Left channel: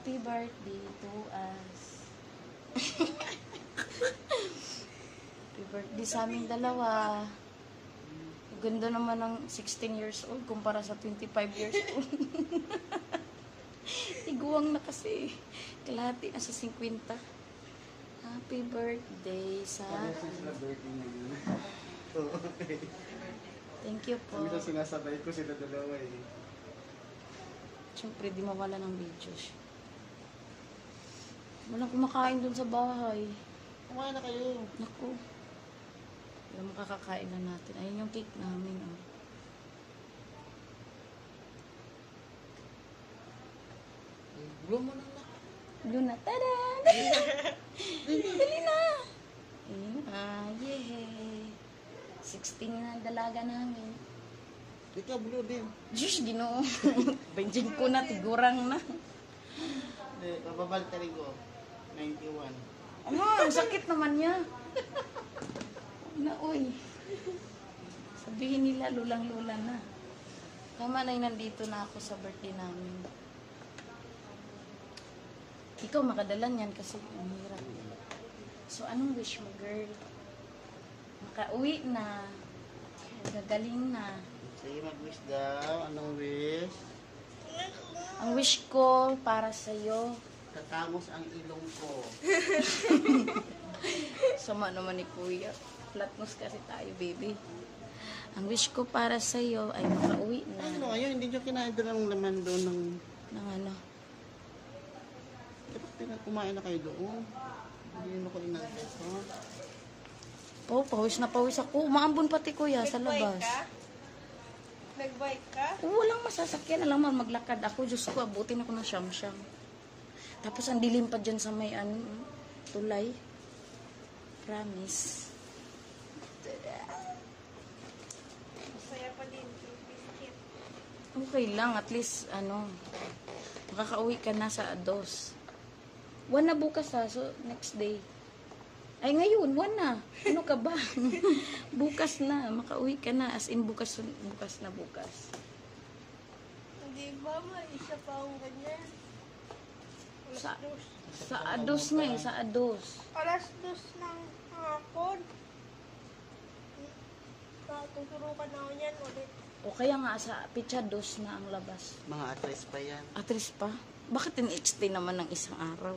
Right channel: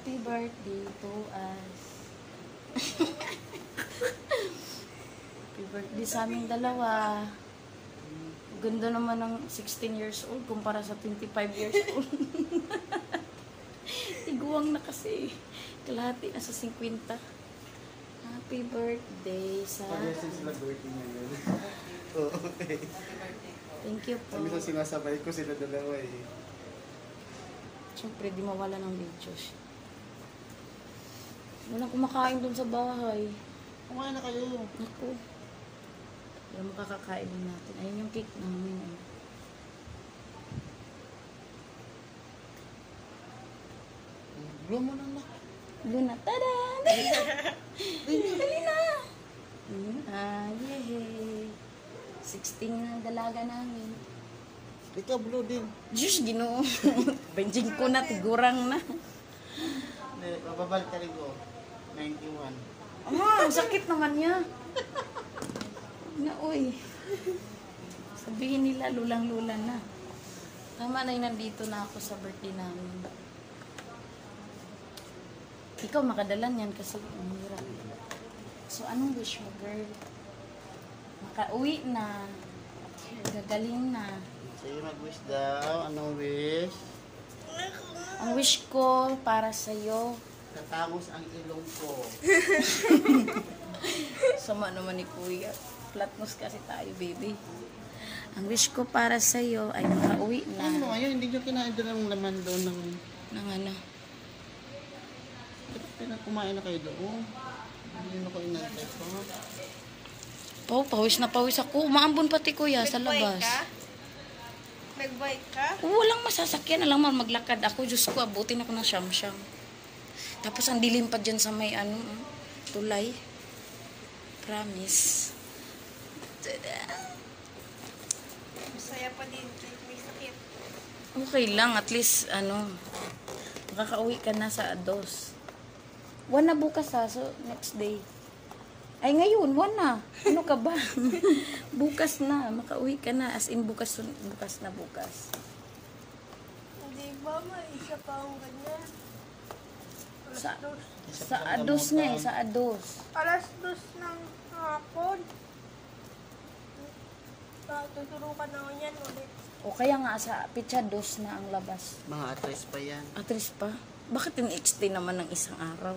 Happy birthday to us. Happy birthday sa aming dalawa. Ganda naman ng 16 years old kumpara sa 25 years old. Tiguang na kasi. Kalahati na sa 50. Happy birthday sa... Pag-yasin sila birthday niya yun. Okay. Thank you po. Kami sa sinasabay ko sila dalawa eh. Siyempre, di mawala ng videos. Walang kumakain dun sa bahay. Kumain na kayo. Naku. Yung makakakain na natin. Ayun yung cake namin. Blow mo na na. Luna, tada! Dali na! Yehey! 16 na ang dalaga namin. Ikaw blow din. Diyos, ginoo. Benjing ko na, tigurang na. Papabalik ka rin ko. 91. Ama, ang sakit naman niya. Na, uy. Sabihin nila, lulang-lula na. Tama na yung nandito na ako sa birthday namin. Ikaw makadala niyan kasi umira. So, anong wish mo, girl? Makauwi na. Gagaling na. Sige, mag-wish daw. Anong wish? Ang wish ko para sa'yo. Tatangos ang ilong ko. Sama naman ni Kuya. Flatness kasi tayo, baby. Ang wish ko para sa'yo ay makauwi na. Ano ngayon? Hindi nyo kinain doon ang laman doon ng... Nang ano? Kumain na kayo doon. Hindi na ko inantay ko. Oh, pawis na pawis ako. Umaambon pati Kuya sa labas. Nag-bike ka? Walang masasakyan. Alam mo, maglakad ako. Diyos ko, abutin ako ng siyam-siyam. Tapos ang dilim pa dyan sa may ano, tulay. Promise. Masaya pa din. May sakit. Okay lang. At least, ano, makakauwi ka na sa ados. 1 na bukas ha. So, next day. Ay, ngayon, 1 na. Ano ka ba? Bukas na. Makauwi ka na. As in, bukas na bukas. Hindi ba? May isa pa akong ganyan. Sa ados nga eh. Sa ados. Alas 2 ng hapon. Tuturukan na ako niyan. O kaya nga sa pitsa 2 na ang labas. Mga atres pa yan. Atris pa? Bakit in-extend naman ng isang araw?